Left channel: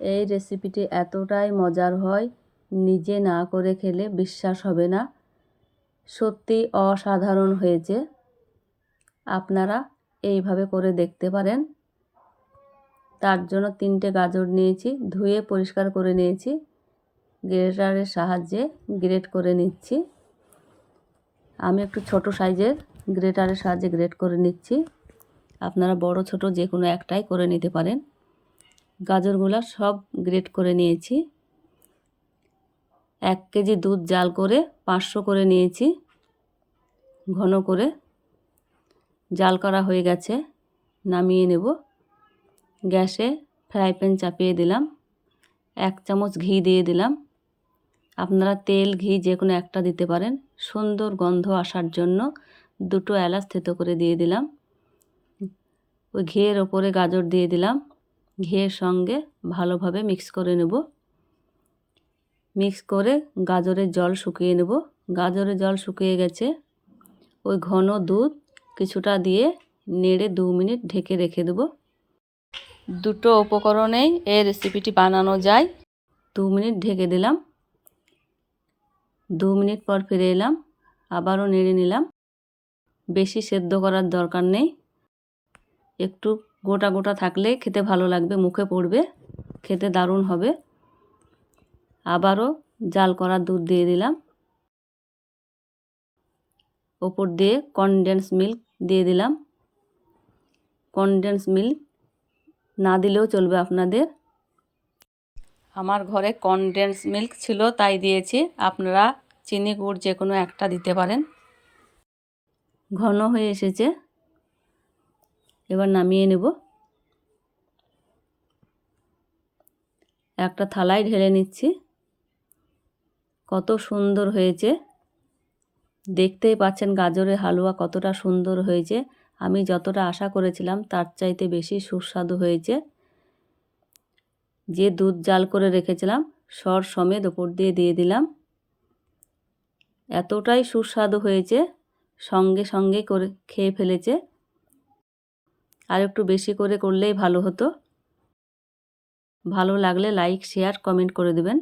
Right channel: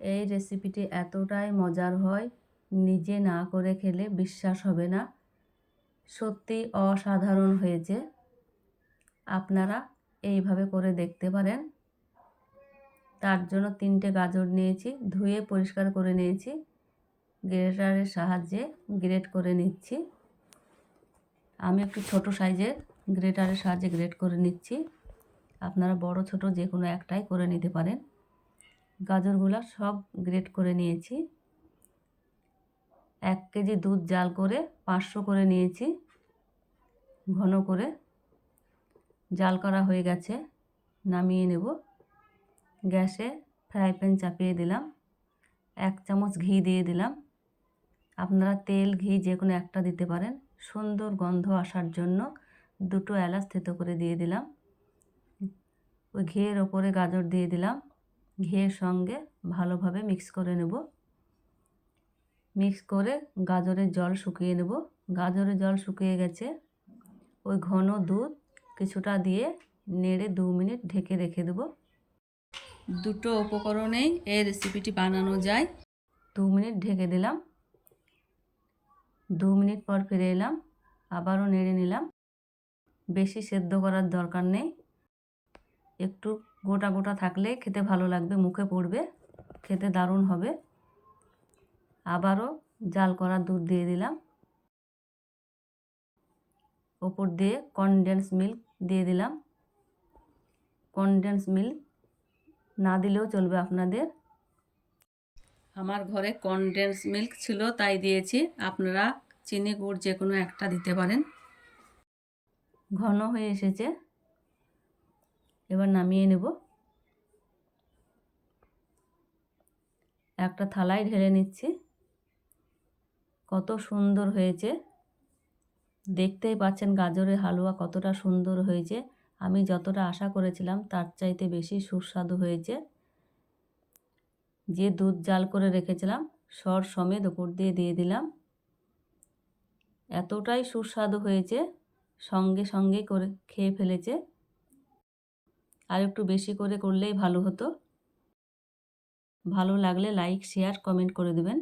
এই রেসিপিটি এতটাই মজার হয়, নিজে না করে খেলে বিশ্বাস হবে না। সত্যি অসাধারণ হয়েছে। আপনারা এইভাবে করে দেখতে পারেন। তার জন্য তিনটে গাজর নিয়েছি, ধুয়ে পরিষ্কার করে নিয়েছি। গ্রেটারের সাহায্যে গ্রেট করে নিচ্ছি। আমি একটু ছোট সাইজের গ্রেটারের সাহায্যে গ্রেট করে নিচ্ছি। আপনারা বড়, ছোট যে কোনো একটাই করে নিতে পারেন। গাজরগুলো সব গ্রেট করে নিয়েছি। এক কেজি দুধ জাল করে পাঁচশো করে নিয়েছি, ঘন করে। জাল করা হয়ে গেছে, নামিয়ে নেব। গ্যাসে ফ্রাই প্যান চাপিয়ে দিলাম, এক চামচ ঘি দিয়ে দিলাম। আপনারা তেল, ঘি যে কোনো একটা দিতে পারেন, সুন্দর গন্ধ আসার জন্য দুটো এলাচ থেতো করে দিয়ে দিলাম। ওই ঘিয়ের ওপরে গাজর দিয়ে দিলাম। ঘিয়ের সঙ্গে ভালোভাবে মিক্স করে নেব। মিক্স করে গাজরের জল শুকিয়ে নেব। গাজরের জল শুকিয়ে গেছে। ওই ঘন দুধ কিছুটা দিয়ে নেড়ে দু মিনিট ঢেকে রেখে দেবো। দুটো উপকরণেই এই রেসিপিটি বানানো যায়। দু মিনিট ঢেকে দিলাম। দু মিনিট পর ফিরে এলাম। আবারও নেড়ে নিলাম। বেশি সেদ্ধ করার দরকার নেই। একটু গোটা গোটা থাকলে খেতে ভালো লাগবে, মুখে পড়বে, খেতে দারুণ হবে। আবারও জাল করা দুধ দিয়ে দিলাম। ওপর দিয়ে কনডেন্স মিল্ক দিয়ে দিলাম। কনডেন্স মিল্ক না দিলেও চলবে আপনাদের। আমার ঘরে কনডেন্স মিল্ক ছিল, তাই দিয়েছি। আপনারা চিনি, গুড় যে কোনো একটা দিতে পারেন। ঘন হয়ে এসেছে। এবার নামিয়ে নেব। একটা থালায় ঢেলে নিচ্ছি। কত সুন্দর হয়েছে। দেখতেই পাচ্ছেন গাজরের হালুয়া কতটা সুন্দর হয়েছে। আমি যতটা আশা করেছিলাম তার চাইতে বেশি সুস্বাদু হয়েছে। যে দুধ জাল করে রেখেছিলাম, সর সমেত ওপর দিয়ে দিয়ে দিলাম। এতটাই সুস্বাদু হয়েছে। সঙ্গে সঙ্গে করে খেয়ে ফেলেছে। আর একটু বেশি করে করলেই ভালো হতো। ভালো লাগলে লাইক শেয়ার কমেন্ট করে দেবেন।